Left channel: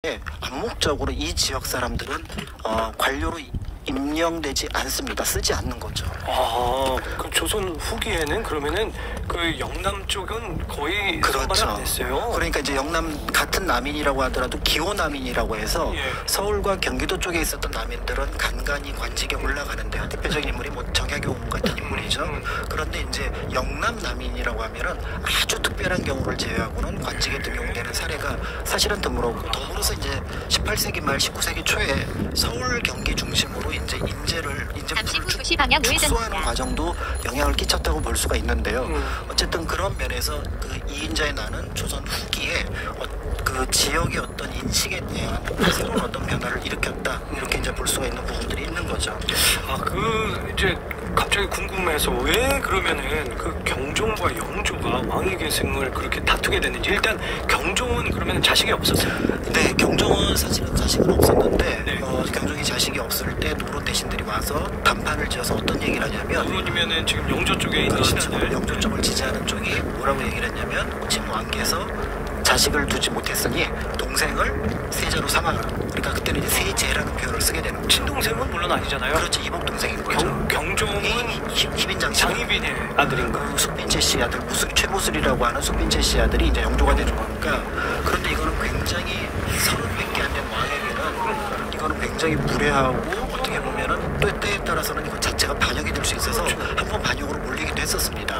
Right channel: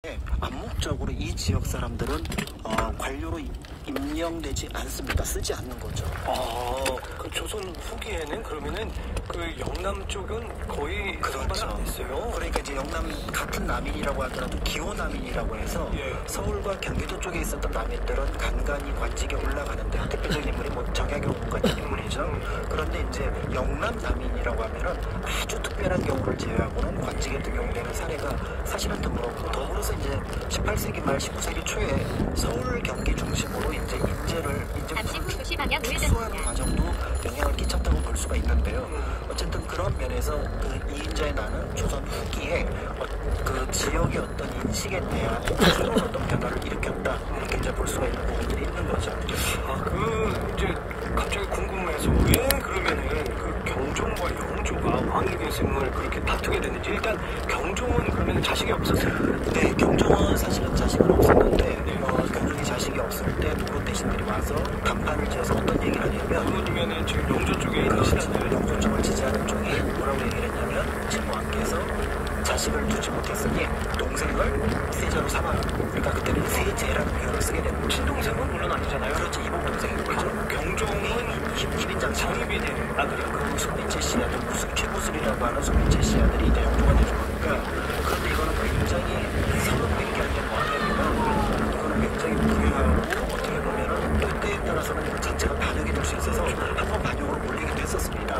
암묵적으로 이 지역 사람들은 관료로 임명되지 않습니다. 쓰지 않는 거죠. 그 조선 후기에는 그러면은 그 영남 쪽은 거의 그렇죠. 안 됐어요. 그러니까 이제 영남 같은 남인이라고 하더라도 기호 남인이라고 해서 서울과 경기도 쪽에 있었던 남인들은 간간히 관직에 올라가는데 대표적인 인물이 뭐 정약용 같은 인물이죠. 그런데 이제 영남 남인이라고 하면은 아주 특별한 경우를 제외하고는 관직에 등용되는 사례가 사실은 드물었고, 더불어서 이제 18세기 말 19세기 초에 서울 경기 중심으로 이제 인재를 축소하는 과정도 영향을 끼쳤다고 볼 수가 있는데요. 어쨌든 그런 면에서 그 이인자의 나는 조선 후기에 그 지역의 어떤 인식에 대한 새로운 어떤 변화를 일으켰다, 이렇게 이제 볼 수가 있는 부분들이 있는 거죠. 이제 갑자기 궁금해서 왜 그러면은 그 경종과 영조가 왕위 계승을 그렇게 다투게 됐는지. 일단 경종은 그러면 자식이 없었어요? 네, 경종은 사실은 자식은 없었는데 경종이 자식이 없을 때 노론 대신들이 와서 담단을 지어서 어떤 얘기를 하냐면, 예를 들면은 지금 영조 쪽에 있는 신하들, 영조 쪽을 지지하는 쪽이 뭐라고 얘기를 했냐면, 진왕께서 자식을 두지 못했으니 동생을 세자로 삼아라. 그러니까 그때는 이제 세제라는 표현을 쓰게 되는 거죠. 친동생은 물론 아니잖아요. 그렇지, 이복 동생인 거죠. 경종이 희빈장 장희빈의 아들인가? 숙빈채 씨 아들, 최보슬이라고 하는 숙빈채 씨 아들이 이제 영조가 되주니까. 그런데 이거는 굉장히 서른몇개 한 년 만에 이거는 굉장히 무례하고, 어떻게 보면은 또 때에 따라서는 이거 자체가 반역이 될 수 있어서 한번 반역으로 몰리기도 했었습니다.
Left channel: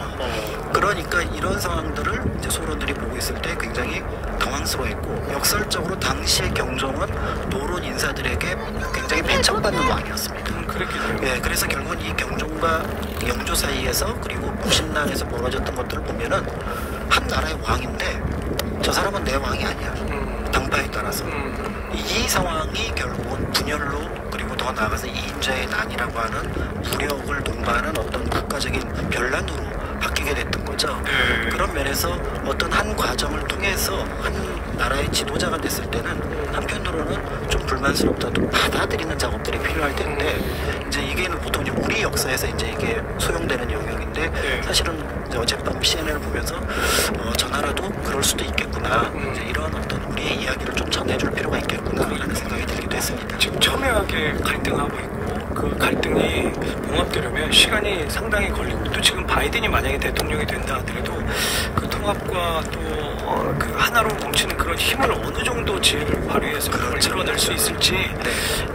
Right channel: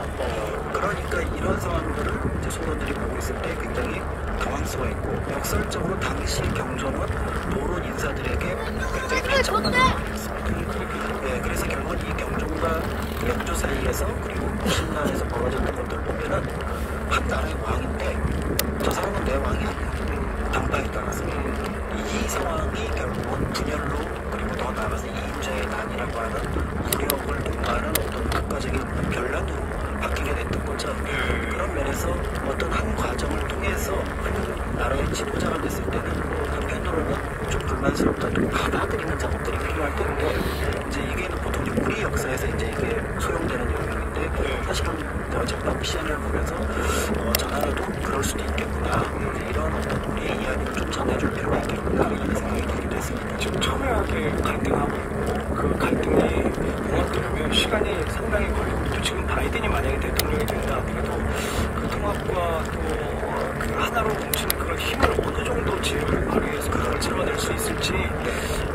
그러니까 이런 상황들을 이제 소론들이 보고 있을 때 굉장히 당황스러워했고, 역설적으로 당시의 경종은 노론 인사들에게 굉장히 배척받는 왕이었습니다. 그랬겠네요. 네, 그래서 결국은 이 경종과 영조 사이에서, 그리고 무신당에서 벌어졌던 것들을 보면은 한 나라의 왕인데 저 사람은 내 왕이 아니야, 당파에 따라서. 이 상황이 결국은 분열로, 그리고 더 나아가서 이인자의 난이라고 하는 무력을 동반하는 어떤 국가적인 변란으로 바뀌게 됐던 거죠. 그런 면에서 어떤 한 과정을 통해서 한 나라의 지도자가 됐을 때는 한편으로는 좀 불만스럽다도 받아들이는 작업들이 필요할 텐데, 이제 이게 보통 이제 우리 역사에서 이제 이게 소용되는 영역인데, 사실은 어쨌든 CNN을 보면서 저 나라도 그럴 수도 있겠구나, 이제 이런 어떤 우리의 이야기를 좀 전해줄 필요가 있겠구나라는 생각이 들기도 했습니다. 지금 첨예하게 갈등하고 있고, 그 갈등이 봉합되려면 시간이 상당히 걸리고, 또 지금 바이든이 만약에 대통령이 된다 하더라도 그 통합과 또 그 하나로 뭉치는 그런 힘을 어느 정도 지혜를 발휘해서 그걸 드러낼 수 있을지,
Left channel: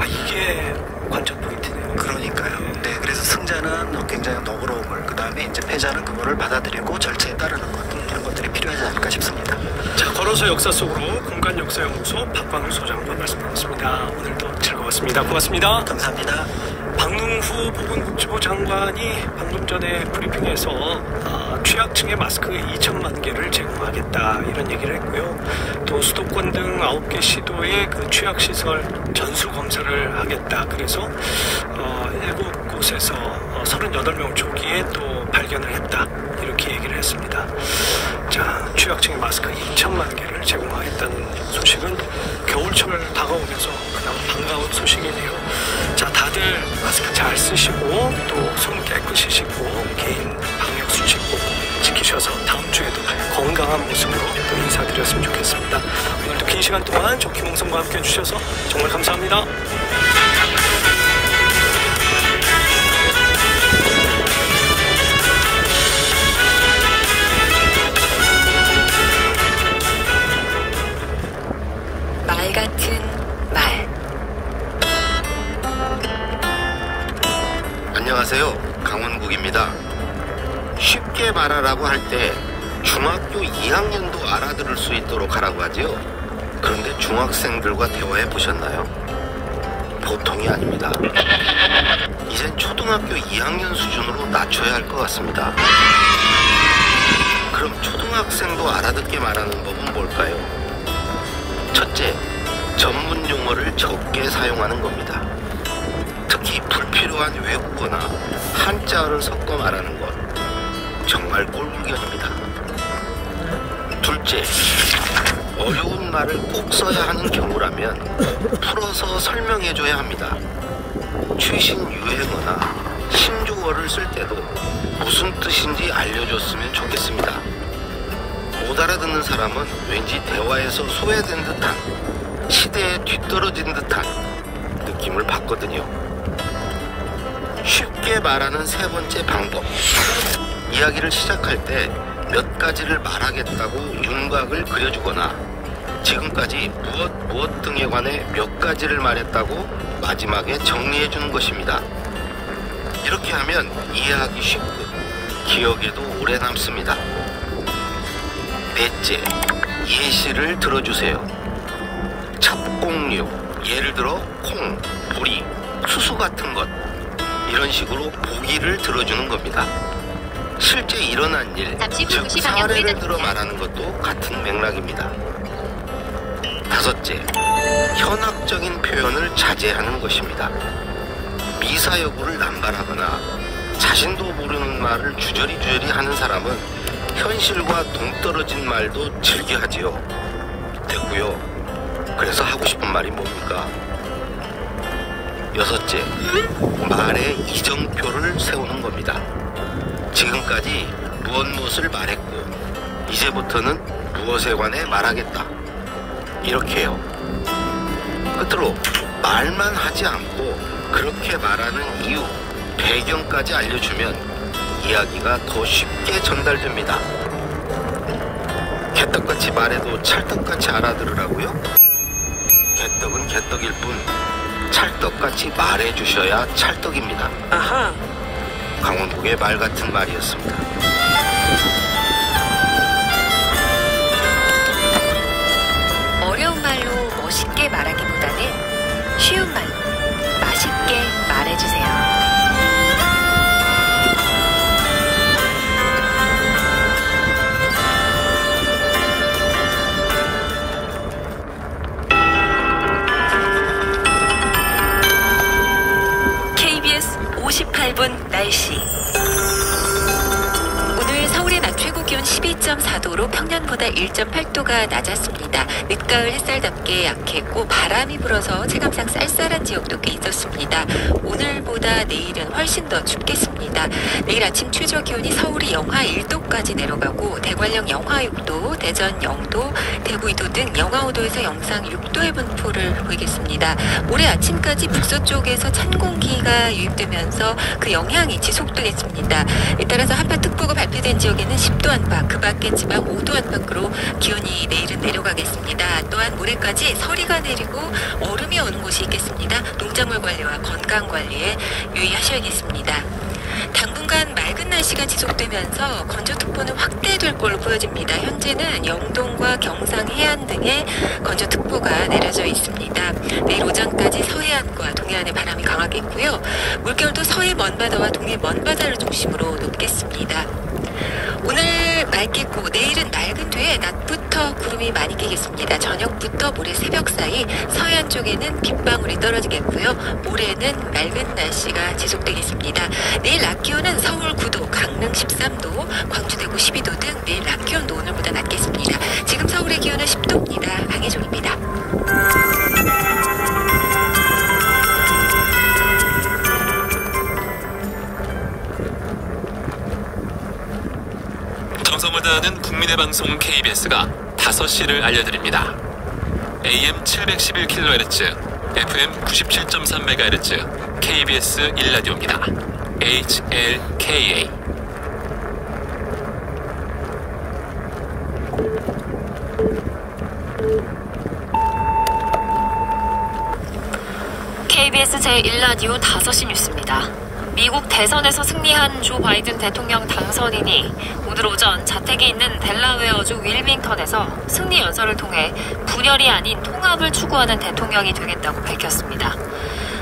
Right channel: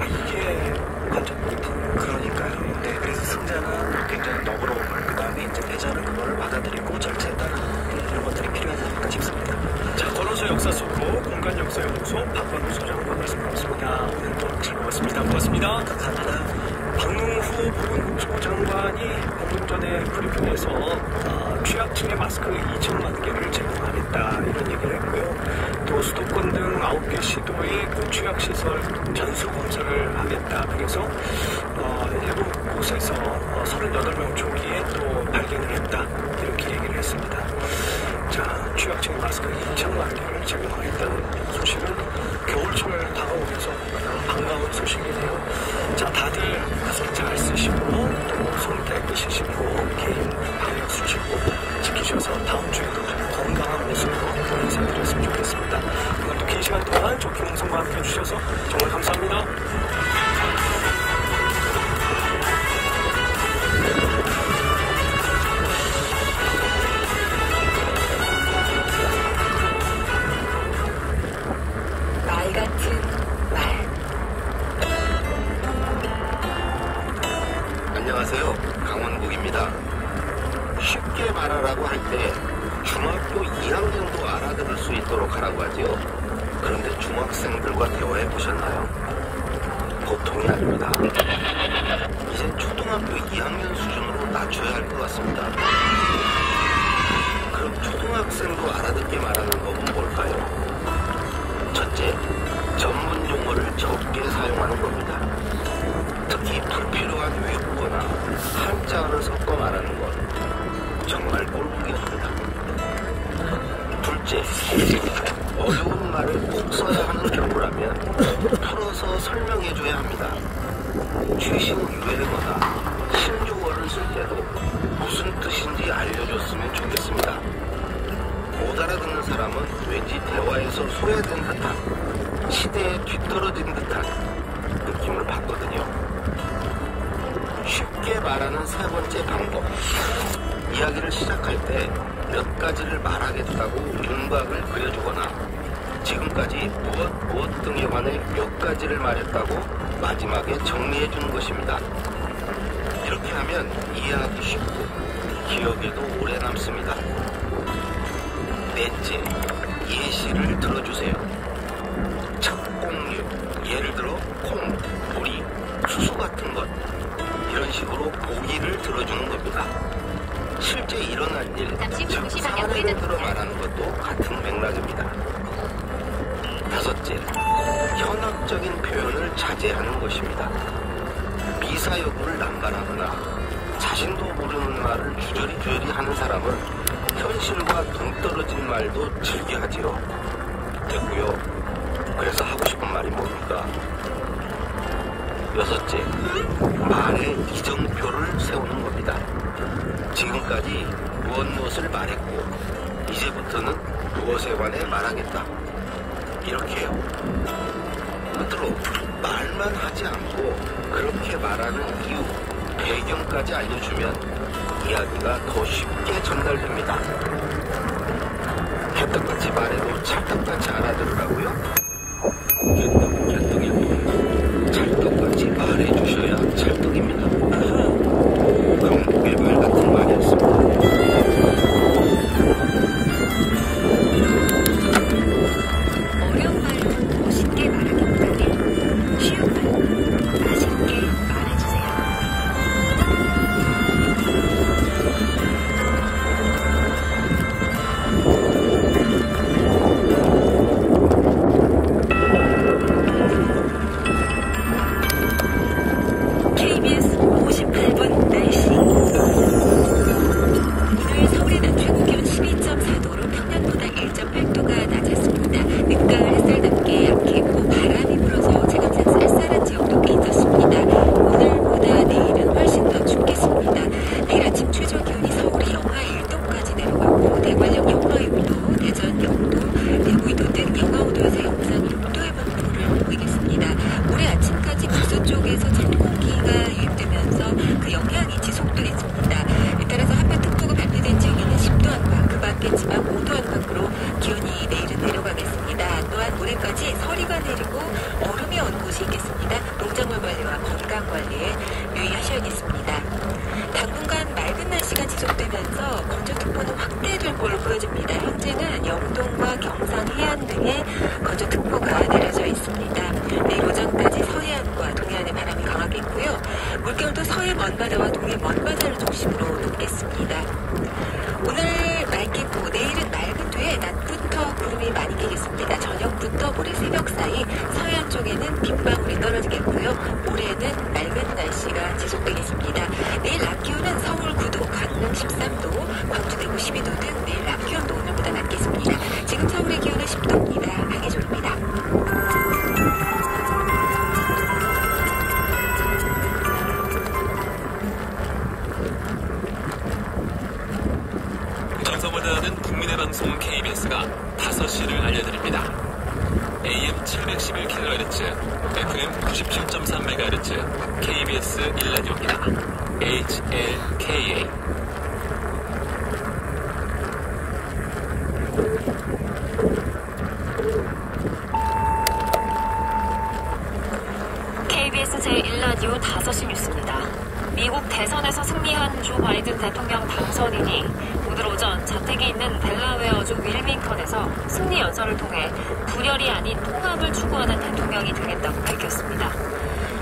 이게 관전 포인트네요. 그러니까요. 네, 그래서 승자는 굉장히 너그러운 걸, 그 다음에 이제 패자는 그거를 받아들이고 절차에 따르는 이런 것들이 필요하지 않을까 싶습니다. 자, 걸어서 역사 속으로 공간 역사 연구소 박광우 소장과 말씀 나눴습니다. 오늘도 즐거웠습니다. 고맙습니다. 감사합니다. 박능후 보건복지부 장관이 방금 전에 브리핑에서 취약층의 마스크 2천만 개를 제공하겠다, 이런 얘기를 했고요. 또 수도권 등 9개 시도의 그 취약시설 전수 검사를 하겠다. 그래서 7곳에서 38명 조기에 또 발견을 했다, 이렇게 얘기를 했습니다. 자, 취약층의 마스크 2천만 개를 제공하겠다는 소식은 겨울철 다가오면서 반가운 소식이네요. 자, 다들 마스크 잘 쓰시고, 또 손 깨끗이 씻고, 개인 방역 수칙 지키셔서 다음 주에도 건강한 모습으로 또 인사드렸으면 좋겠습니다. 오늘도 긴 시간 동안 저 김홍성과 함께 해주셔서 정말 감사합니다. 말 같은 말. 안녕하세요, 강은국입니다. 쉽게 말하라고 할 때 중학교 2학년도 알아들을 수 있도록 하라고 하지요. 그런데 중학생들과 대화해 보셨나요? 보통이 아닙니다. 이제 초등학교 2학년 수준으로 낮춰야 할 것 같습니다. 그럼 초등학생도 알아듣게 말하는 법은 뭘까요? 첫째, 전문 용어를 적게 사용하는 겁니다. 특히 불필요한 외국어나 한자어를 섞어 말하는 것, 정말 꼴불견입니다. 둘째, 어려운 말을 꼭 써야 하는 경우라면 풀어서 설명해줘야 합니다. 최신 유행어나 신조어를 쓸 때도 무슨 뜻인지 알려줬으면 좋겠습니다. 못 알아듣는 사람은 왠지 대화에서 소외된 듯한 시대에 뒤떨어진 듯한 느낌을 받거든요. 쉽게 말하는 세 번째 방법. 이야기를 시작할 때 몇 가지를 말하겠다고 윤곽을 그려주거나 지금까지 무엇 등에 관해 몇 가지를 말했다고 마지막에 정리해 주는 것입니다. 이렇게 하면 이해하기 쉽고 기억에도 오래 남습니다. 넷째, 예시를 들어주세요. 첩공류, 예를 들어 콩, 보리, 수수 같은 것, 이런 식으로 보기를 들어주는 겁니다. 실제 일어난 일, 즉 사례를 들어 말하는 것도 같은 맥락입니다. 다섯째, 현학적인 표현을 자제하는 것입니다. 미사여구를 남발하거나 자신도 모르는 말을 주저리 하는 사람은 현실과 동떨어진 말도 즐겨하지요. 됐고요. 그래서 하고 싶은 말이 뭡니까? 여섯째, 말의 이정표를 세우는 겁니다. 지금까지 무엇을 말했고 이제부터는 무엇에 관해 말하겠다. 이렇게요. 끝으로 말만 하지 않고 그렇게 말하는 이유, 배경까지 알려주면 이야기가 더 쉽게 전달됩니다. 개떡같이 말해도 찰떡같이 알아들으라고요? 개떡은 개떡일 뿐 찰떡같이 말해주셔야 찰떡입니다. 아하. 강북의 말 같은 말이었습니다. 어려운 말로 멋있게 말하기보다는 쉬운 말로 맛있게 말해주세요. KBS 58분 날씨. 오늘 서울의 낮 최고 기온 12.4도로 평년보다 1.8도가 낮았습니다. 늦가을 햇살답게 약했고 바람이 불어서 체감상 쌀쌀한 지역도 꽤 있었습니다. 오늘보다 내일은 훨씬 더 춥겠습니다. 내일 아침 최저 기온이 서울이 영하 1도까지 내려가고 대관령 영하 6도, 대전 0도, 대구 2도 등 영하 5도에서 영상 6도의 분포를 보이겠습니다. 모레 아침까지 북서쪽에서 찬 공기가 유입되면서 그 영향이 지속되겠습니다. 따라서 한파특보가 발표된 지역에는 10도 안팎, 그 밖의 지방 5도 안팎으로 기온이 내일은 내려가겠습니다. 또한 모레까지 서리가 내리고 얼음이 오는 곳이 있겠습니다. 농작물 관리와 건강 관리에 유의하셔야겠습니다. 당분간 맑은 날씨가 지속되면서 건조특보는 확대될 걸로 보여집니다. 현재는 영동과 경상 해안 등에 건조특보가 내려져 있습니다. 내일 오전까지 서해안과 동해안에 바람이 강하겠고요. 물결도 서해 먼바다와 동해 먼바다를 중심으로 높겠습니다. 오늘 맑겠고 내일은 맑은 뒤에 낮부터 구름이 많이 끼겠습니다. 저녁부터 모레 새벽 사이 서해안 쪽에는 빗방울이 떨어지겠고요. 모레는 맑은 날씨가 지속되겠습니다. 내일 낮 기온은 서울 9도, 강릉 13도, 광주 대구 12도 등 내일 낮 기온도 오늘보다 낮겠습니다. 지금 서울의 기온은 10도입니다. 강혜종입니다. 정성을 다하는 국민의 방송 KBS가 5시를 알려드립니다. AM 711kHz, FM 97.3MHz, KBS 1라디오입니다. HLKA. KBS 제1라디오 5시 뉴스입니다. 미국 대선에서 승리한 조 바이든 대통령 당선인이 오늘 오전 자택이 있는 델라웨어주 윌밍턴에서 승리 연설을 통해 분열이 아닌 통합을 추구하는 대통령이 되겠다고 밝혔습니다.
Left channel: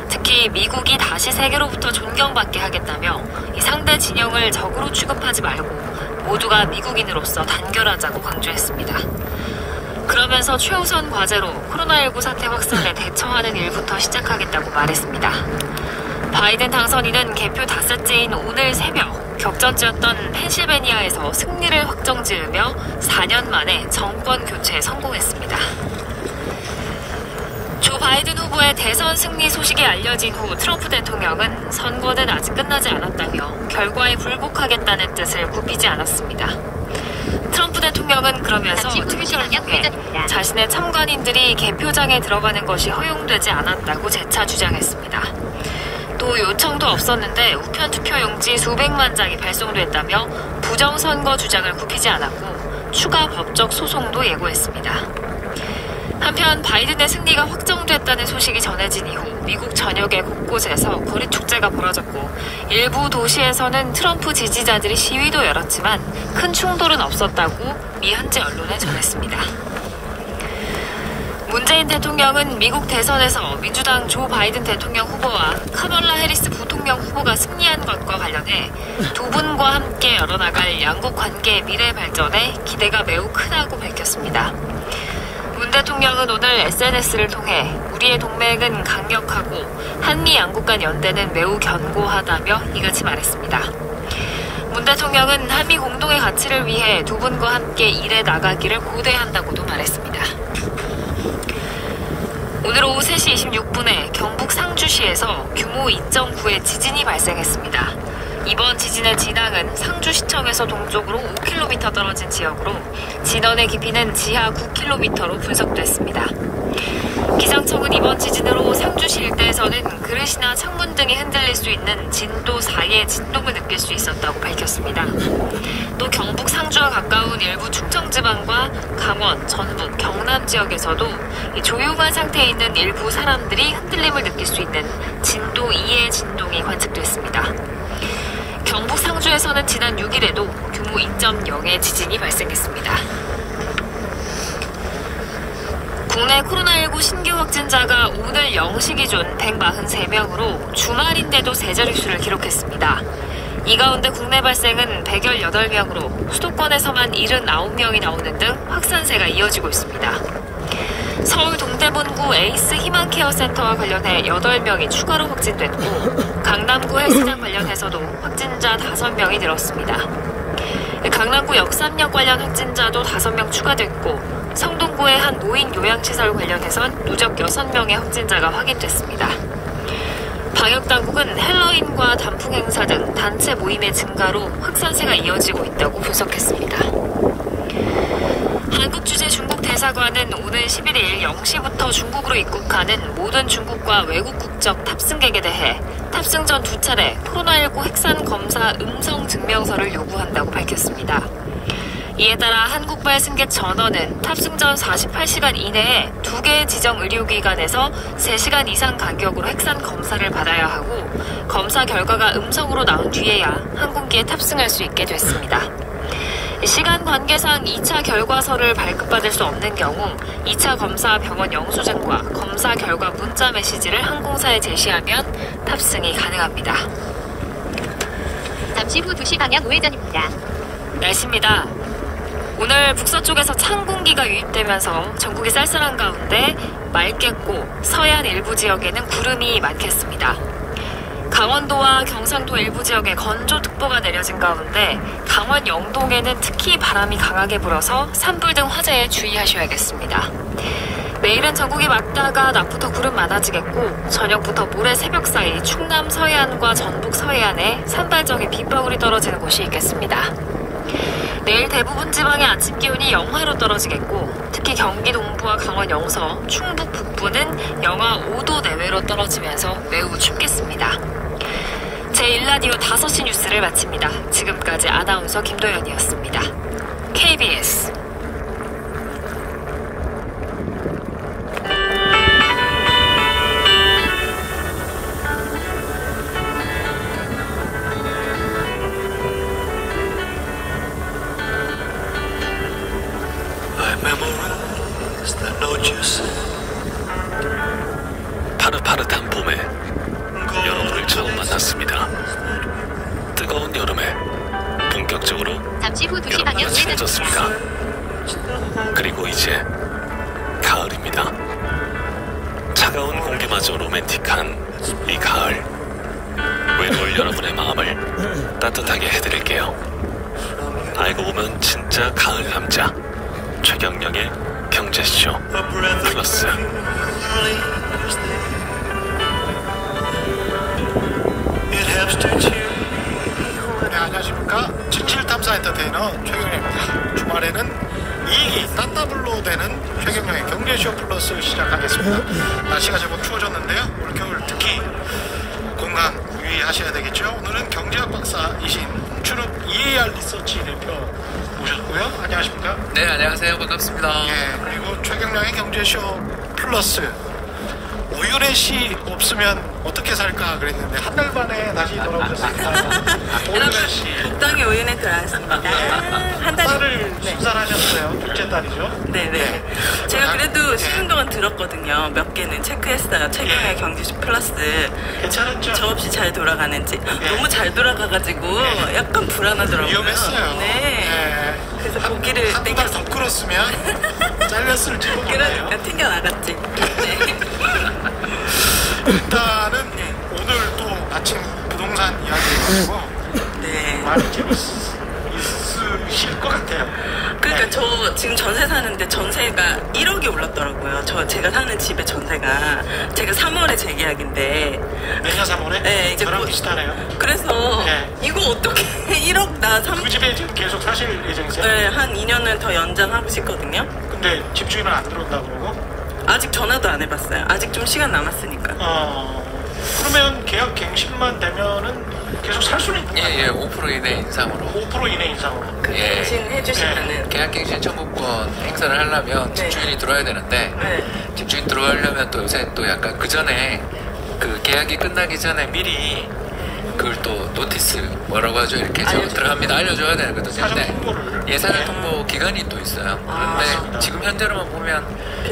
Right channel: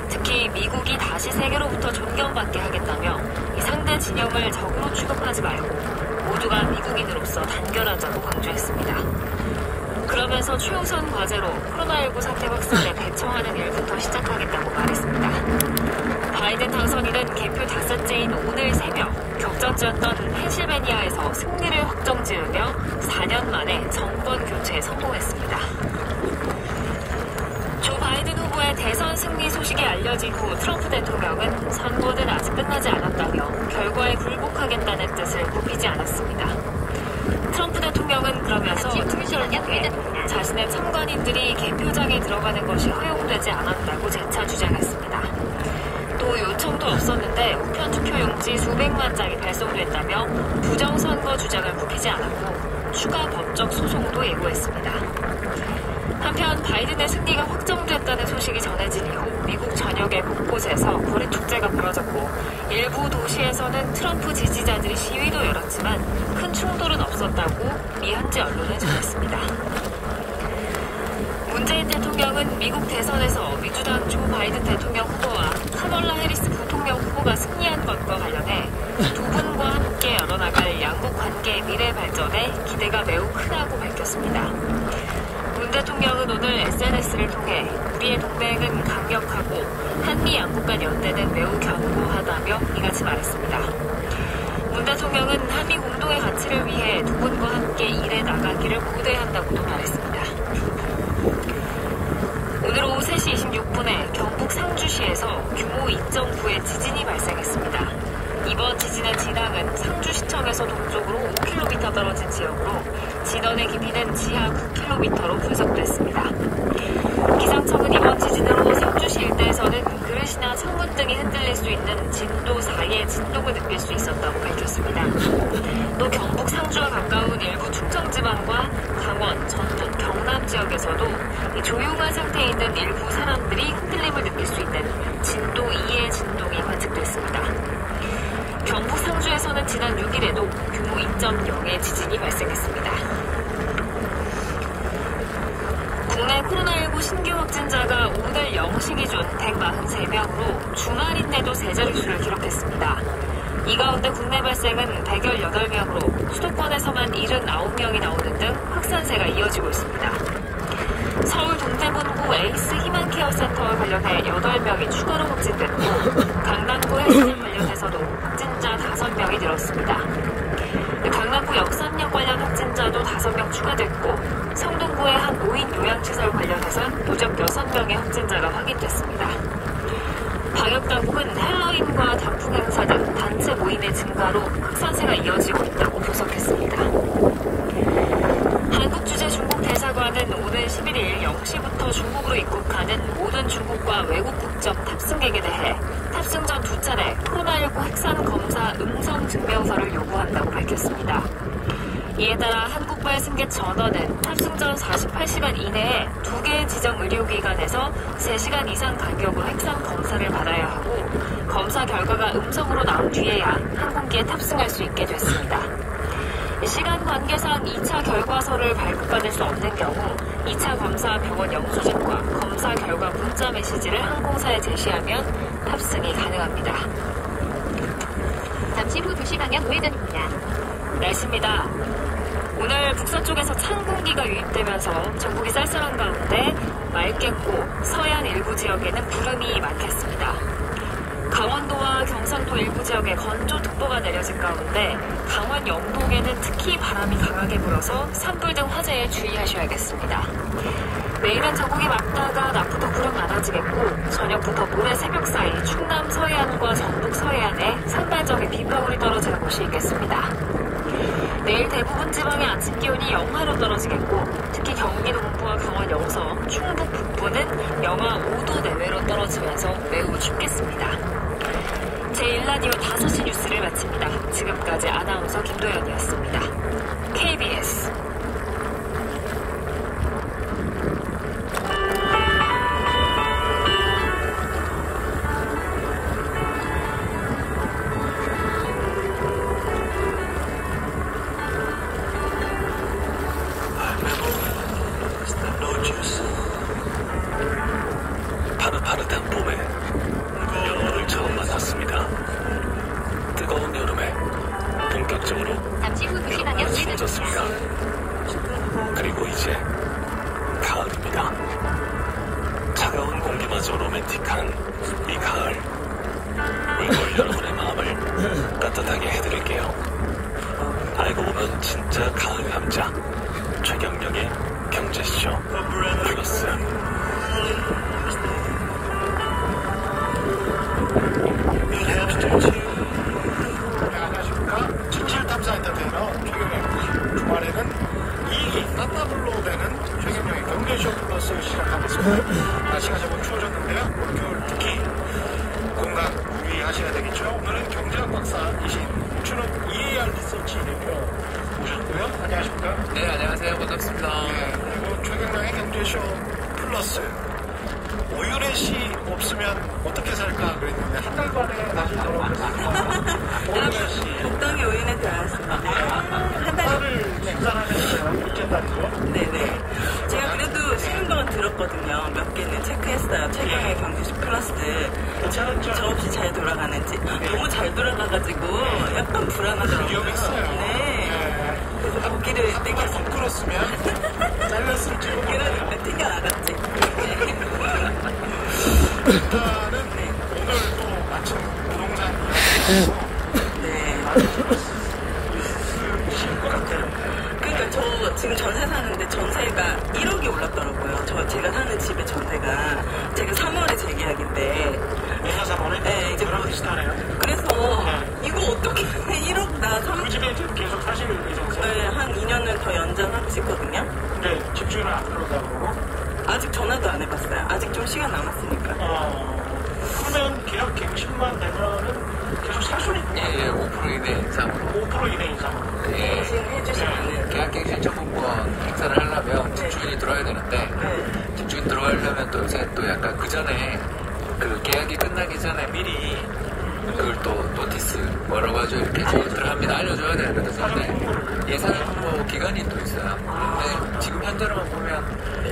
특히 미국이 다시 세계로부터 존경받게 하겠다며 이 상대 진영을 적으로 취급하지 말고 모두가 미국인으로서 단결하자고 강조했습니다. 그러면서 최우선 과제로 코로나19 사태 확산에 대처하는 일부터 시작하겠다고 말했습니다. 바이든 당선인은 개표 닷새째인 오늘 새벽 격전지였던 펜실베니아에서 승리를 확정지으며 4년 만에 정권 교체에 성공했습니다. 조 바이든 후보의 대선 승리 소식이 알려진 후 트럼프 대통령은 선거는 아직 끝나지 않았다며 결과에 굴복하겠다는 뜻을 굽히지 않았습니다. 트럼프 대통령 대통령은 그러면서 트위터를 통해 자신의 참관인들이 개표장에 들어가는 것이 허용되지 않았다고 재차 주장했습니다. 또 요청도 없었는데 우편 투표용지 수백만 장이 발송됐다며 부정선거 주장을 굽히지 않았고 추가 법적 소송도 예고했습니다. 한편 바이든의 승리가 확정됐다는 소식이 전해진 이후 미국 전역의 곳곳에서 거리 축제가 벌어졌고 일부 도시에서는 트럼프 지지자들이 시위도 열었지만 큰 충돌은 없었다고 미 현지 언론에 전했습니다. 문재인 대통령은 미국 대선에서 민주당 조 바이든 대통령 후보와 카멀라 해리스 부통령 후보가 승리한 것과 관련해 두 분과 함께 열어나갈 양국 관계의 미래 발전에 기대가 매우 크다고 밝혔습니다. 문 대통령은 오늘 SNS를 통해 우리의 동맹은 강력하고 한미 양국 간 연대는 매우 견고하다며 이같이 말했습니다. 문 대통령은 한미 공동의 가치를 위해 두 분과 함께 일해 나가기를 고대한다고도 말했습니다. 오늘 오후 3시 26분에 경북 상주시에서 규모 2.9의 지진이 발생했습니다. 이번 지진의 진앙은 상주시청에서 동쪽으로 5km 떨어진 지역으로 진원의 깊이는 지하 9km로 분석됐습니다. 기상청은 이번 지진으로 상주시 일대에서는 그릇이나 창문 등이 흔들릴 수 있는 진도 4의 진동을 느낄 수 있었다고 밝혔습니다. 또 경북 상주와 가까운 일부 충청지방과 강원, 전북, 경남 지역에서도 이 조용한 상태에 있는 일부 사람들이 흔들림을 느낄 수 있는 진도 2의 진동이 관측됐습니다. 경북 상주에서는 지난 6일에도 규모 2.0의 지진이 발생했습니다. 국내 코로나19 신규 확진자가 오늘 0시 기준 143명으로 주말인데도 세 자릿수를 기록했습니다. 이 가운데 국내 발생은 118명으로 수도권에서만 79명이 나오는 등 확산세가 이어지고 있습니다. 서울 동대문구 에이스 희망케어센터와 관련해 8명이 추가로 확진됐고 강남구 헬스장 관련해서도 확진자 5명이 늘었습니다. 강남구 역삼역 관련 확진자도 5명 추가됐고 성동구의 한 노인 요양시설 관련해선 누적 6명의 확진자가 확인됐습니다. 방역당국은 헬로윈과 단풍 행사 등 단체 모임의 증가로 확산세가 이어지고 있다고 분석했습니다. 한국주재 중국 대사관은 오늘 11일 0시부터 중국으로 입국하는 모든 중국과 외국 국적 탑승객에 대해 탑승 전 2차례 코로나19 핵산 검사 음성 증명서를 요구한다고 밝혔습니다. 이에 따라 한국발 승객 전원은 탑승 전 48시간 이내에 2개의 지정 의료기관에서 3시간 이상 간격으로 핵산 검사를 받아야 하고 검사 결과가 음성으로 나온 뒤에야 항공기에 탑승할 수 있게 됐습니다. 시간 관계상 2차 결과서를 발급받을 수 없는 경우 2차 검사 병원 영수증과 검사 결과 문자 메시지를 항공사에 제시하면 탑승이 가능합니다. 잠시 후 2시 방향 우회전입니다. 날씨입니다. 오늘 북서쪽에서 찬 공기가 유입되면서 전국이 쌀쌀한 가운데 맑겠고 서해안 일부 지역에는 구름이 많겠습니다. 강원도와 경상도 일부 지역에 건조특보가 내려진 가운데 강원 영동에는 특히 바람이 강하게 불어서 산불 등 화재에 주의하셔야겠습니다. 내일은 전국이 맑다가 낮부터 구름 많아지겠고 저녁부터 모레 새벽 사이 충남 서해안과 전북 서해안에 산발적인 빗방울이 떨어지는 곳이 있겠습니다. 내일 대부분 지방의 아침 기온이 영하로 떨어지겠고 특히 경기 동부와 강원 영서, 충북 북부는 영하 5도 내외로 떨어지면서 매우 춥겠습니다. 제1라디오 5시 뉴스를 마칩니다. 지금까지 아나운서 김도연이었습니다. KBS 파릇파릇한 봄에 여러분을 처음 만났습니다. 뜨거운 여름에 본격적으로 잠시 후 2시 방향 친해졌습니다. 그리고 이제 가을입니다. 차가운 공기마저 로맨틱한 이 가을, 외로울 여러분의 마음을 따뜻하게 해드릴게요. 알고 보면 진짜 가을 남자 최경영의 경제쇼 플러스. 네, 안녕하십니까. 77탐사 엔터테이너 최경영입니다. 주말에는 날씨가 제법 추워졌는데요. 올겨울 특히 건강 유의하셔야 되겠죠. 오늘은 경제학 박사이신 주는 EAR 리서치 대표 모셨고요. 안녕하십니까? 네, 안녕하세요. 반갑습니다. 예, 그리고 최경량의 경제쇼 플러스 오윤혜 씨 없으면 어떻게 살까 그랬는데 한 달 만에 다시 돌아오셨습니다. 오윤혜 씨. 땅에 오윤에 들어왔습니다. 한 달. 딸을 출산하셨어요. 둘째 딸이죠. 네네. 제가 그래도 쉬는 동안 들었거든요. 몇 개는 체크했어요. 최근에 경제쇼 플러스. 괜찮았죠? 저 없이 잘 돌아가는지. 너무 잘 돌아가가지고 약간 불안하더라고요. 위험했어요. 네. 그래서 보기를 한두 달 더 끌었으면 잘렸을지 모르겠네요. 튕겨나갔지. 네. 일단은 오늘 또 아침 부동산 이야기하고 네. 많이 재밌으실 것 같아요. 그러니까 저 지금 전세 사는데 전세가 1억이 올랐더라고요. 제가 사는 집의 전세가 제가 3월에 재계약인데 내년 3월에? 네, 이제 저랑 뭐- 비슷하네요. 그래서 네. 이거 어떻게 1억 나 3... 그 집에 지금 계속 사실 예정이세요? 네, 한 2년은 더 연장하고 싶거든요. 근데 집주인은 안 들어온다고 그러고? 아직 전화도 안 해봤어요. 아직 좀 시간 남았으니까. 그러면 계약 갱신만 되면은 계속 살 수는 있다. 예, 5% 이내 인상으로. 5% 이내 인상으로. 예. 갱신해주시면은 계약갱신 청구권 행사를 하려면 네. 집주인이 들어와야 되는데 네. 집주인 들어가려면 또 요새 또 약간 그 전에 그 계약이 끝나기 전에 미리 그걸 또 노티스 걸어가지고 이렇게 저 들어갑니다 알려줘야 되거든요. 사전 통보를. 근데 예산 통보 기간이 또 있어요. 그런데 지금 현재로만 보면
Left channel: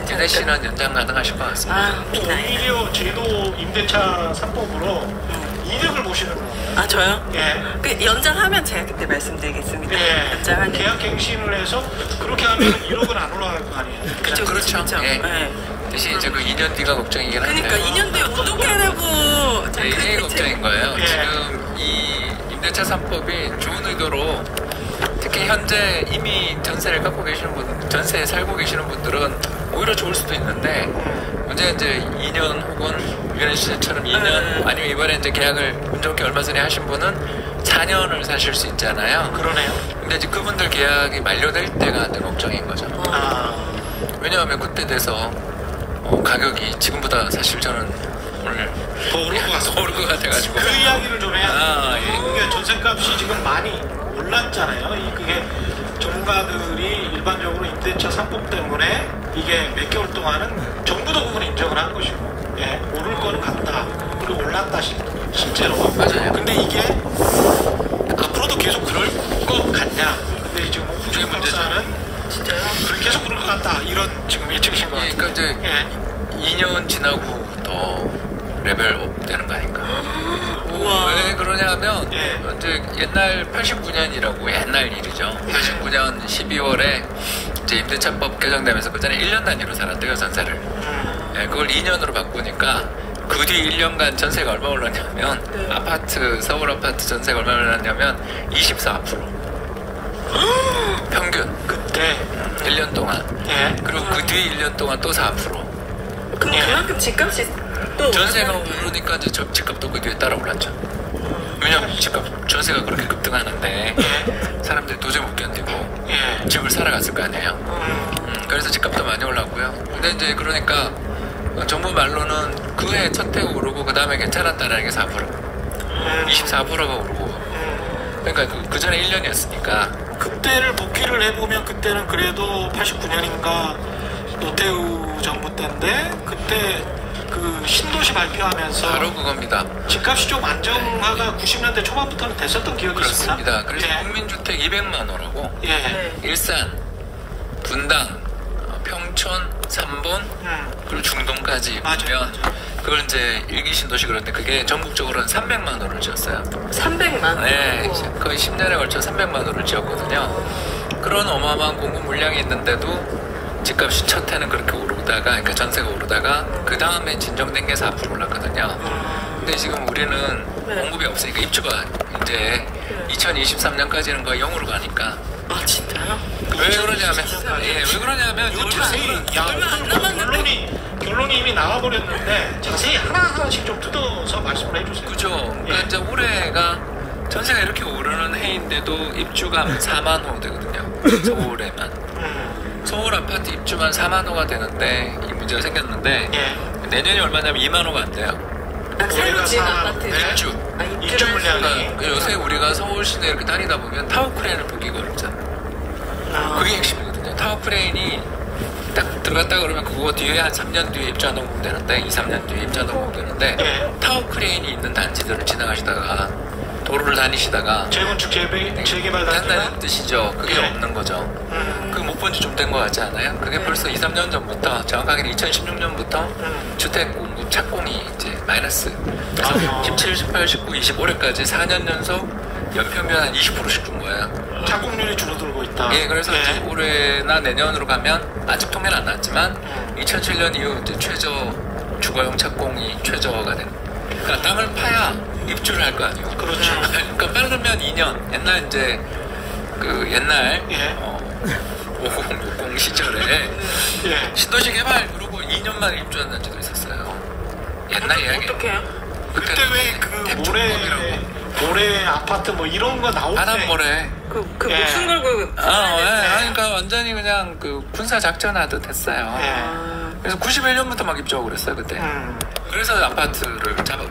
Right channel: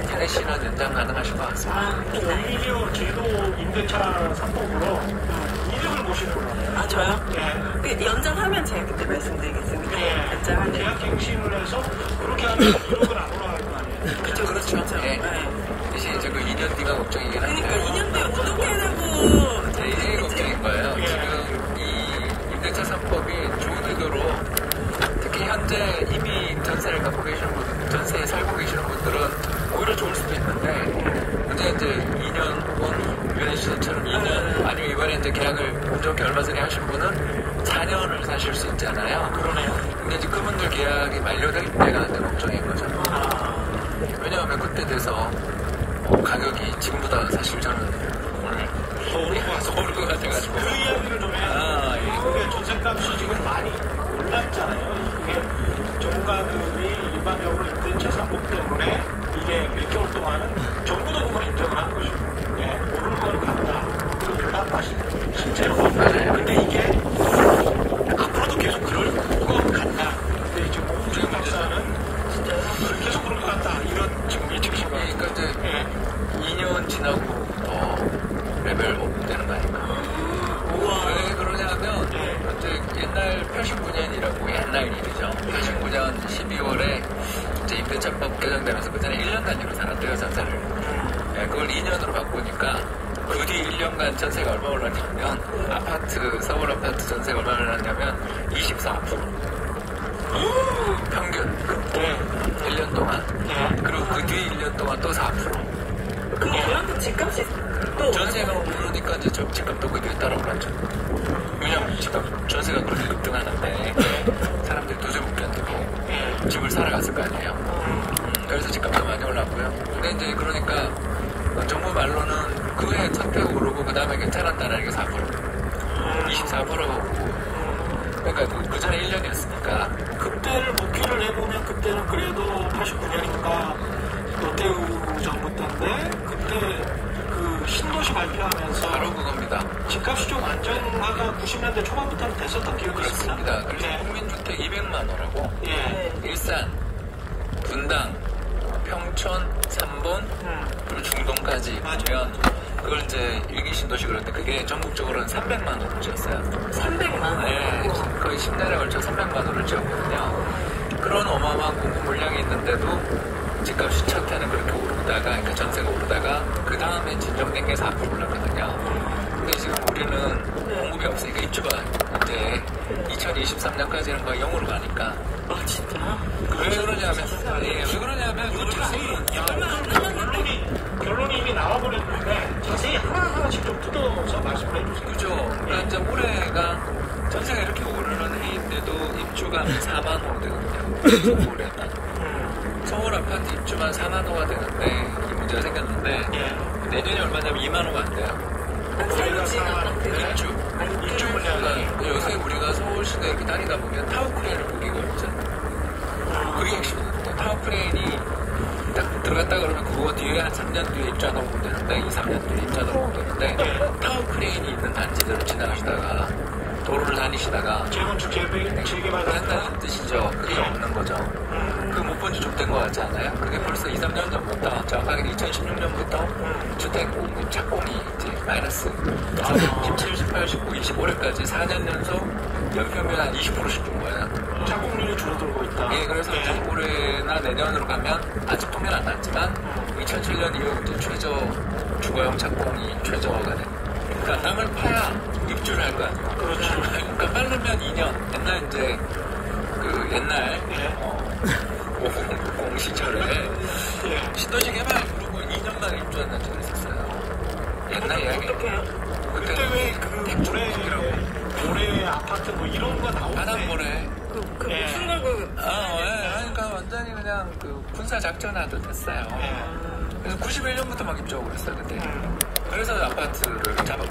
윤혜 씨는 연장 가능하실 것 같습니다. 아, 또 비나요. 오히려 제도 임대차 3법으로 이득을 보시는 거예요. 아, 저요? 예. 그 연장하면 제가 그때 말씀드리겠습니다. 예. 연장하는. 계약 갱신을 해서 그렇게 하면 1억은 안 올라갈 거 아니에요. 그쵸, 그렇죠. 예. 네. 대신 이제 그 2년 뒤가 걱정이긴 한데. 그러니까 2년 뒤에 어떻게 하라고. 네, 이게 걱정인 거예요. 예. 지금 이 임대차 3법이 좋은 의도로 특히 현재 이미 전세를 갖고 계시는 분, 전세에 살고 계시는 분들은 오히려 좋을 수도 있는데 문제 이제 2년 혹은 유현 씨처럼 2년 아니면 이번에 이제 계약을 운 좋게 얼마 전에 하신 분은 4년을 사실 수 있잖아요. 그러네요. 근데 이제 그분들 계약이 만료될 때가 이제 걱정인 거죠. 왜냐하면 그때 돼서 가격이 지금보다 사실 저는 오늘 더 오를 것 같아가지고. 그 이야기를 좀 해야 아, 예. 한국의 전세값이 지금 많이 올랐잖아요. 그게 전문가들이 일반적으로 임대차 3법 때문에 이게 몇 개월 동안은 정부 대부분 인정을 한 것이고, 예, 오를 거는 같다. 그리고 올랐다 실제로. 맞아요. 근데 이게 앞으로도 계속 그럴 것 같냐? 근데 지금 호주의 문제는 진짜요? 계속 그럴 것 같다. 이런 지금 예측이고. 예, 그러니까 이제 예. 2년 지나고 더 레벨업 되는 거 아닌가. 왜 그러냐면 예. 이제 옛날 89년이라고 옛날 일이죠. 89년 12월에 이제 임대차법 개정되면서 그 전에 1년 단위로 살았대요 전세를. 예, 그걸 2년으로 바꾸니까 그 뒤 1년간 전세가 얼마 올랐냐면 아파트 서울 아파트 전세가 얼마 올랐냐면 24% 평균 그때 1년 동안. 예. 그리고 그 뒤 1년 동안 또 4%. 그럼 그만큼 집값이 또. 전세가 오르니까 이제 집값도 그 뒤에 따라 올랐죠. 왜냐면 전세가 그렇게 급등하는데 사람들이 도저히 못 견디고 집을 살아갔을 거 아니에요. 그래서 집값도 많이 올랐고요. 근데 이제 그러니까 정부 말로는 그 해 첫 해가 오르고 그 다음에 괜찮았다는 게 4%. 24%가 오르고. 그러니까 그 전에 1년이었으니까. 그때를 복귀를 해보면 그때는 그래도 89년인가 노태우 정부 때인데 그때 그 신도시 발표하면서 바로 그겁니다. 집값이 좀 안정화가 90년대 초반부터는 됐었던 기억이 있습니다. 그렇습니다. 그래서 예. 국민주택 200만 호라고 예. 일산, 분당, 평촌, 삼본 그리고 중동까지 맞아요. 보면 그걸 이제 일기 신도시 그런데 그게 전국적으로는 300만 호를 지었어요. 300만 원. 네, 거의 10년에 걸쳐 300만 호를 지었거든요. 그런 어마어마한 공급 물량이 있는데도 집값이 첫 해는 그렇게 오르다가, 그러니까 전세가 오르다가 그 다음에 진정된 게 4% 올랐거든요. 근데 지금 우리는 공급이 없으니까 입주가 이제 2023년까지는 거의 0으로 가니까. 아, 진짜요? 왜 그러냐면, 왜 그러냐면 이거 자세히 결론이 이미 나와버렸는데 자세히 하나하나씩 좀 뜯어서 말씀을 해주세요. 그죠. 그러니까 이제 올해가 전세가 이렇게 오르는 해인데도 입주가 4만 호 되거든요. 서울에만. 서울 아파트 입주만 4만 호가 되는데 이 문제가 생겼는데 내년이 얼마냐면 2만 호가 안 돼요. 새로 지은 아파트가 입주. 입주 물량이 요새 우리가 서울 시내 이렇게 다니다 보면 타워 크레인을 보기가 어렵잖아. 그게 핵심이거든요. 타워 크레인이 딱 들어갔다 그러면 그거 뒤에 한 3년 뒤에 입주하는 분 되는데 2, 3년 뒤에 입주하는 분 되는데 타워 크레인이 있는 단지들을 지나가시다가 도로를 다니시다가 재건축 재개발 한다는 뜻이죠. 그게 없는 거죠. 그거 못 본 지 좀 된 거 같지 않아요? 그게 벌써 2, 3년 전부터 정확하게 2016년부터 주택 공급 착공이 이제 마이너스 17, 18, 19, 25년까지 4년 연속 연평균 한 20%씩 준 거예요. 착공률이 줄어들고 있다. 예, 그래서 이제 올해나 내년으로 가면 아직 통계는 안 나왔지만 2007년 이후 이제 최저 주거용 착공이 최저가 된. 그러니까 땅을 파야 입주를 할 거 아니에요. 그렇죠. 그러니까 빠르면 2년. 옛날 이제 그 옛날 5060 시절에 신도시 개발 그러고 2년 만에 입주한 단지도 있었어요. 옛날 이야기. 그때 왜 그 모래 아파트 뭐 이런 거 나오는데 바람모래. 그 무슨 걸고 그러니까 완전히 그냥 그 군사 작전하듯 했어요. 그래서 91년부터 막 입주하고 그랬어요 그때. 그래서 아파트를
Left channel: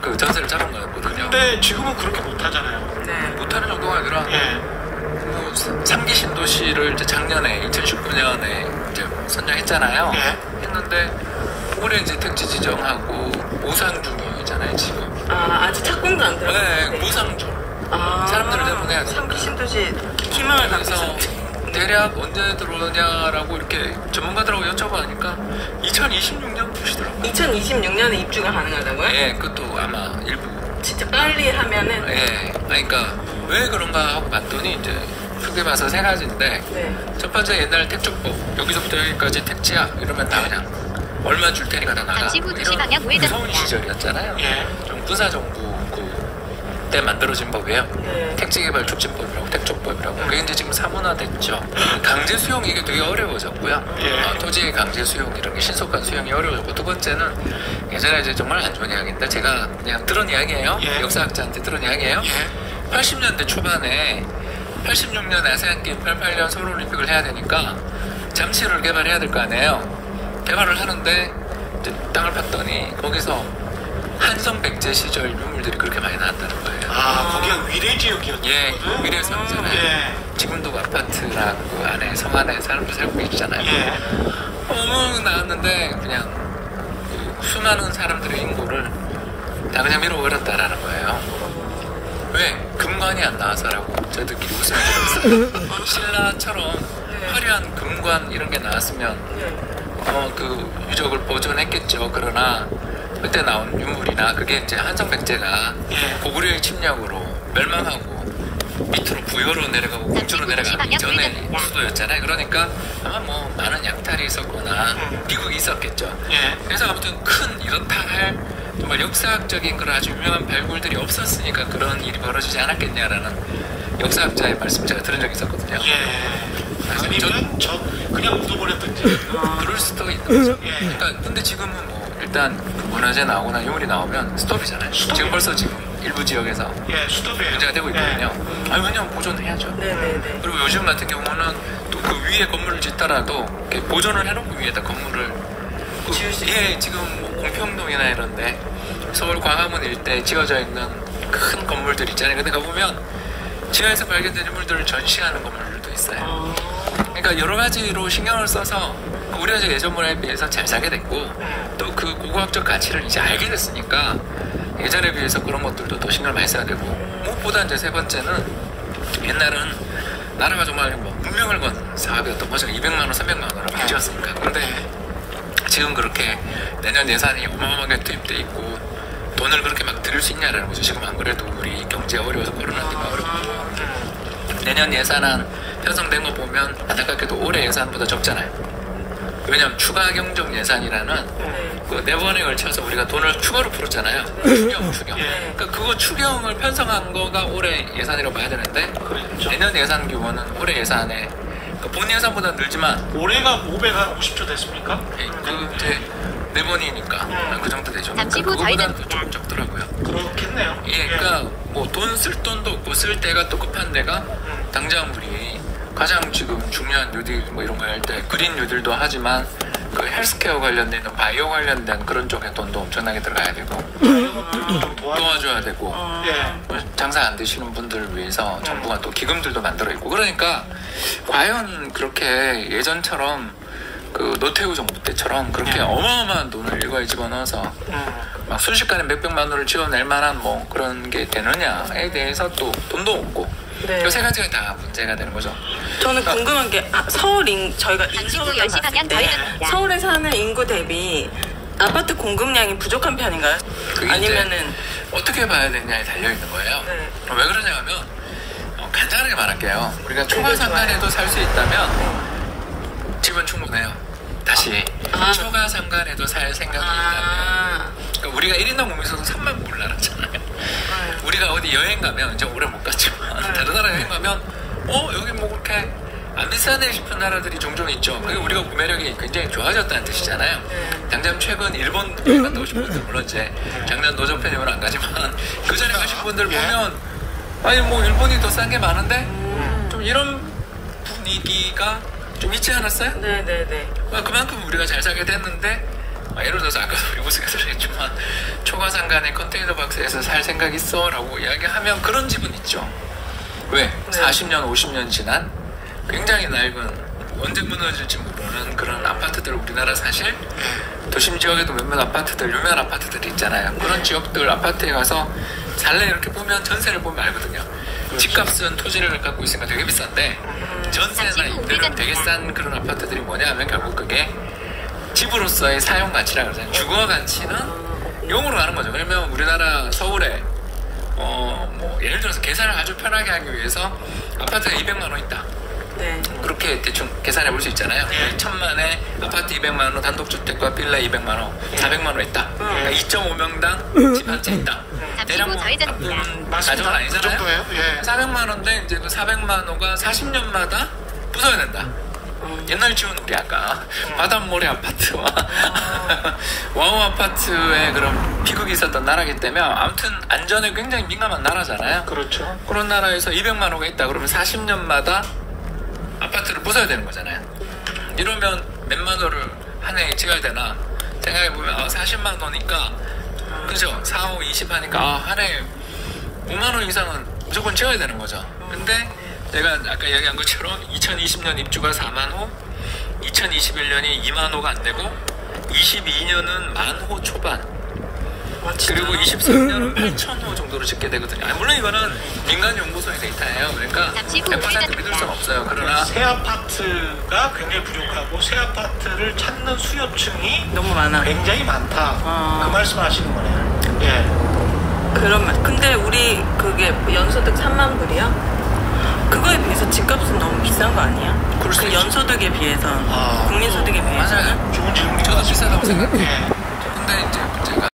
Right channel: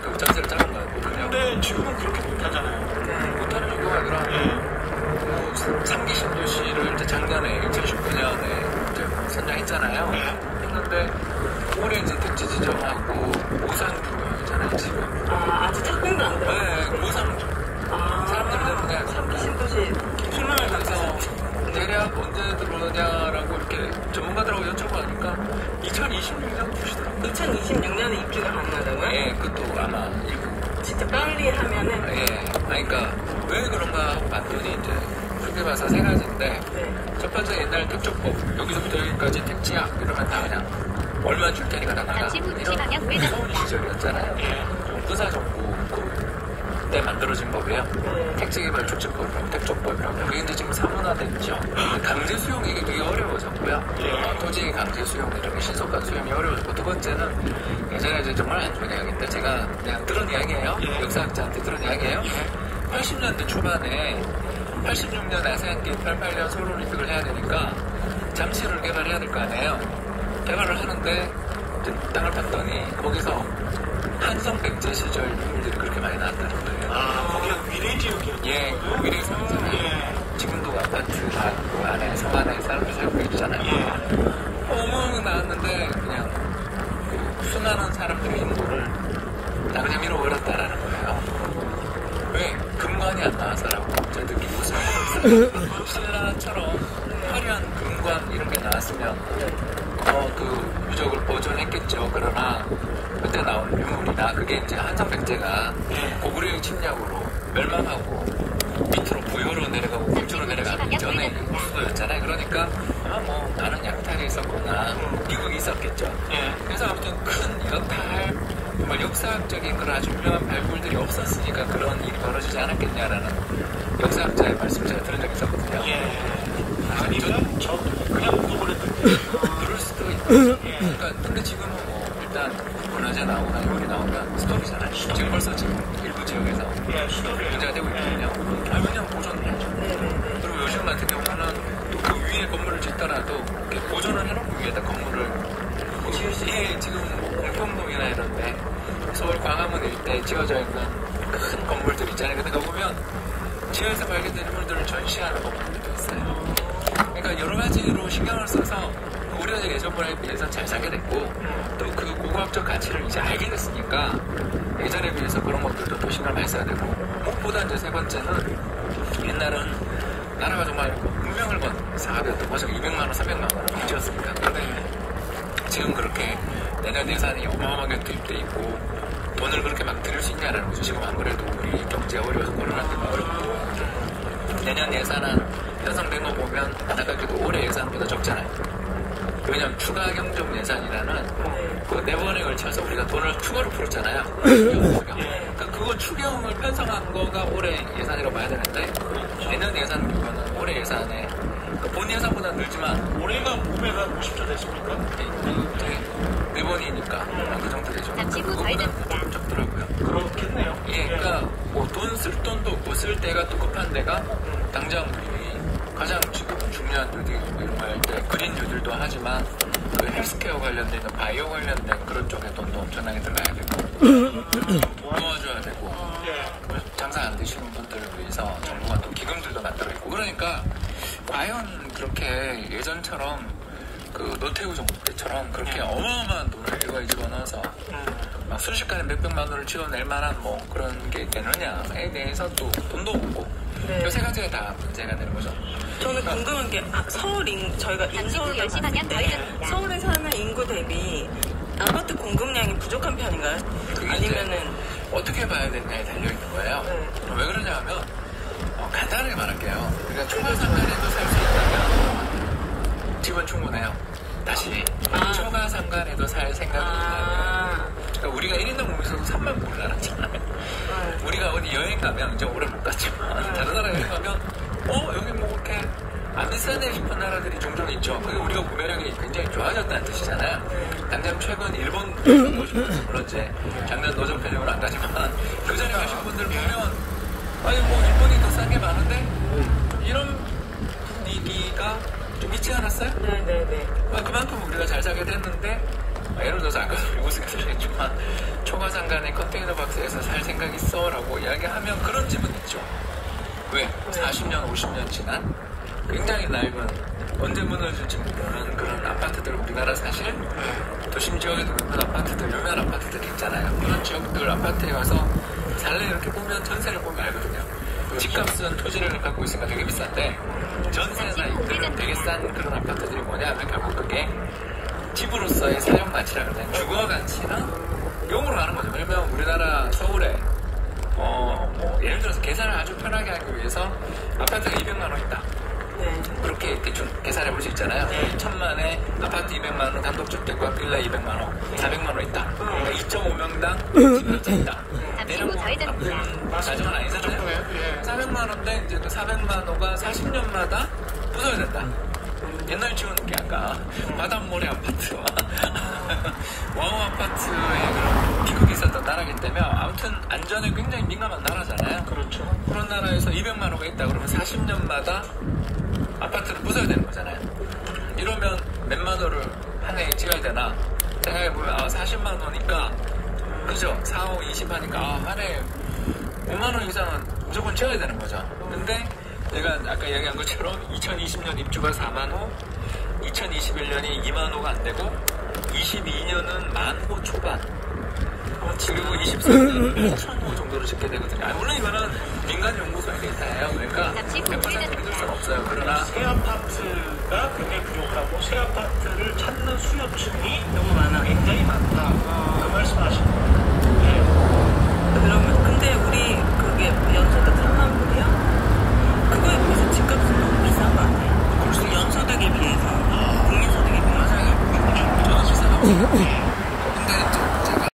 그 전세를 잡은 거거든요. 근데 지금은 그렇게 못 하잖아요. 못하는 정도가 아니라 뭐 3기 신도시를 이제 작년에 2019년에 이제 선정했잖아요. 했는데 올해 이제 택지 지정하고 보상 중이잖아요 지금. 아직 착공도 안 들어갔어요. 네, 보상 중. 사람들 때문에 3기 신도시 희망을 그래서 갖고 대략 언제 들어오냐라고 이렇게 전문가들하고 여쭤보니까 2026년 보시더라고요. 2026년에 입주가 가능하다고요? 예, 그것도 아마 일부. 진짜 빨리 하면은 예, 그러니까 왜 그런가 하고 봤더니 이제 크게 봐서 세 가지인데 첫 번째 옛날 택조법 여기서부터 여기까지 택지야 이러면 다 그냥 얼마 줄 테니까 다 나가. 잠시 후 2시 방향 우회전. 서울 시절이었잖아요. 좀 군사 정부 때 만들어진 법이에요. 택지개발 촉진법이라고 택조법이라고. 그게 이제 지금 사문화됐죠. 강제 수용 이게 되게 어려워졌고요. 토지의 강제 수용 이런 게 신속한 수용이 어려워졌고 두 번째는 예전에 이제 정말 안 좋은 이야기인데 제가 그냥 들은 이야기예요. 역사학자한테 들은 이야기예요. 80년대 초반에 86년 아세안 게임 88년 서울올림픽을 해야 되니까 잠실을 개발해야 될 거 아니에요. 개발을 하는데 이제 땅을 봤더니 거기서 한성 백제 시절 유물들이 그렇게 많이 나왔다는 거예요. 거기가 위례 지역이었죠. 예, 위례 성잖아요. 지금도 아파트랑 그 안에 성 안에 사람들 살고 계시잖아요. 어머 나왔는데 그냥 그 수많은 사람들의 인구를 다 그냥 밀어버렸다라는 거예요. 왜? 금관이 안 나와서라고 저들끼리 웃음을 들었어요. 신라처럼 화려한 금관 이런 게 나왔으면 그 유적을 보존했겠죠. 그러나 그때 나온 유물이나 그게 이제 한성 백제가 고구려의 침략으로 멸망하고 밑으로 부여로 내려가고 궁조로 내려가기 전에 수도였잖아요. 그러니까 아마 뭐 많은 약탈이 있었거나 비극이 있었겠죠. 그래서 아무튼 큰 이렇다 할 정말 역사학적인 그런 아주 유명한 발굴들이 없었으니까 그런 일이 벌어지지 않았겠냐라는 역사학자의 말씀 제가 들은 적이 있었거든요. 아니면 그냥 묻어버렸던지. 그럴 수도 있는 거죠. 그러니까 근데 지금은 일단 문화재 나오거나 유물이 나오면 스톱이잖아요. 지금 벌써 지금 일부 지역에서 문제가 되고 있거든요. 왜냐면 보존해야죠. 그리고 요즘 같은 경우는 또 그 위에 건물을 짓더라도 이렇게 보존을 해놓고 위에다 건물을 지금 뭐 공평동이나 이런데 서울 광화문 일대에 지어져 있는 큰 건물들 있잖아요. 근데 가보면 지하에서 발견된 유물들을 전시하는 건물들도 있어요. 그러니까 여러 가지로 신경을 써서 우리가 이제 예전문화에 비해서 잘 살게 됐고 또 그 고고학적 가치를 이제 알게 됐으니까 예전에 비해서 그런 것들도 또 신경을 많이 써야 되고 무엇보다 이제 세 번째는 옛날은 나라가 정말 뭐 문명을 건 사업이었던 거죠. 200만 원, 300만 원으로 빚었으니까. 근데 지금 그렇게 내년 예산이 어마어마하게 투입돼 있고 돈을 그렇게 막 들일 수 있냐라는 거죠. 지금 안 그래도 우리 경제가 어려워서 코로나 때문에 어렵고 내년 예산안 편성된 거 보면 안타깝게도 올해 예산보다 적잖아요. 왜냐면 추가 경정 예산이라는 그 4번에 걸쳐서 우리가 돈을 추가로 풀었잖아요. 추경. 그러니까 그거 추경을 편성한 거가 올해 예산이라고 봐야 되는데 내년 예산 규모는 올해 예산에 그 본 예산보다 늘지만 올해가 550조 됐습니까? 그 이제 4번이니까 그 정도 되죠. 잠시 후 그거보다는 좀 적더라고요. 그렇겠네요. 그러니까 뭐 돈 쓸 돈도 없고 쓸 데가 또 급한 데가 당장 우리 가장 지금 중요한 뉴딜 뭐 이런 거 할 때 그린 뉴딜도 하지만 그 헬스케어 관련된 바이오 관련된 그런 쪽에 돈도 엄청나게 들어가야 되고 도와줘야 되고 장사 안 되시는 분들을 위해서 정부가 또 기금들도 만들어 있고 그러니까 과연 그렇게 예전처럼 그 노태우 정부 때처럼 그렇게 어마어마한 돈을 일괄 집어넣어서 막 순식간에 몇백만 원을 지어낼 만한 뭐 그런 게 되느냐에 대해서 또 돈도 없고 네. 이 세 가지가 다 문제가 되는 거죠. 저는 궁금한 게 저희가 인서울 10시 방향 좌회전입니다. 서울에 사는 인구 대비 아파트 공급량이 부족한 편인가요? 그게 아니면은 어떻게 봐야 되냐에 달려 있는 거예요. 네. 왜 그러냐 하면 간단하게 말할게요. 우리가 초과상간에도 살 수 있다면 집은 충분해요. 다시 초과상간에도 살 생각이 있다면 그러니까 우리가 1인당 몸에서도 3만 불 나갔잖아요. 우리가 어디 여행 가면 이제 오래 못 갔지만 다른 나라 여행 가면 여기 뭐 그렇게 안 비싸네 싶은 나라들이 종종 있죠. 그게 우리가 구매력이 굉장히 좋아졌다는 뜻이잖아요. 당장 최근 일본 가신 분들 물론 이제 작년 노조 편입은 안 가지만 그 전에 가신 분들 보면 아니 뭐 일본이 더 싼 게 많은데 좀 이런 분위기가 좀 있지 않았어요? 네네네. 그만큼 우리가 잘 살게 됐는데 예를 들어서 아까 우리 모습에서 얘기했지만 초과상간의 컨테이너 박스에서 살 생각 있어? 라고 이야기하면 그런 집은 있죠. 왜? 40년, 50년 지난 굉장히 낡은 언제 무너질지 모르는 그런 아파트들 우리나라 사실 도심 지역에도 몇몇 아파트들 유명한 아파트들이 있잖아요. 그런 지역들 아파트에 가서 살래 이렇게 보면 전세를 보면 알거든요. 집값은 토지를 갖고 있으니까 되게 비싼데 전세나 임대료는 되게 싼 그런 아파트들이 뭐냐 하면 결국 그게 집으로서의 사용 가치라고 그러잖아요. 주거 가치는 용으로 가는 거죠. 그러면 우리나라 서울에 뭐 예를 들어서 계산을 아주 편하게 하기 위해서 아파트가 200만 원 있다. 네. 그렇게 대충 계산해 볼 수 있잖아요. 1천만에 아파트 200만 원, 단독주택과 빌라 200만 원, 400만 원 있다. 그러니까 2.5명당 집 한 채 있다. 대략 나쁜 가정은 아니잖아요. 400만 원인데 이제 그 400만 원가 40년마다 부숴야 된다. 옛날 지은 우리 아까 바닷모래 아파트와 와우 아파트에 그런 비극이 있었던 나라이기 때문에 아무튼 안전에 굉장히 민감한 나라잖아요. 그렇죠. 그런 나라에서 200만 호가 있다 그러면 40년마다 아파트를 부숴야 되는 거잖아요. 이러면 몇만 호를 한 해에 지어야 되나 생각해보면 40만 호니까 그죠? 4, 5, 20 하니까 한 해에 5만 호 이상은 무조건 지어야 되는 거죠. 근데 제가 아까 이야기한 것처럼 2020년 입주가 4만 호, 2021년이 2만 호가 안 되고 22년은 1만 호 초반, 그리고 23년은 8천 호 정도로 짓게 되거든요. 물론 이거는 민간 연구소의 데이터예요. 그러니까 100% 믿을 수는 없어요. 그러나 새 아파트가 굉장히 부족하고 새 아파트를 찾는 수요층이 너무 많아. 굉장히 많다. 그 말씀하시는 거예요. 예. 그러면 근데 우리 그게 연소득 3만 불이야? 그거에 비해서 집값은 너무 비싼 거 아니야? 그 연소득에 비해서 국민소득에 비해서 맞아요. 저도 비싸다고 생각해요.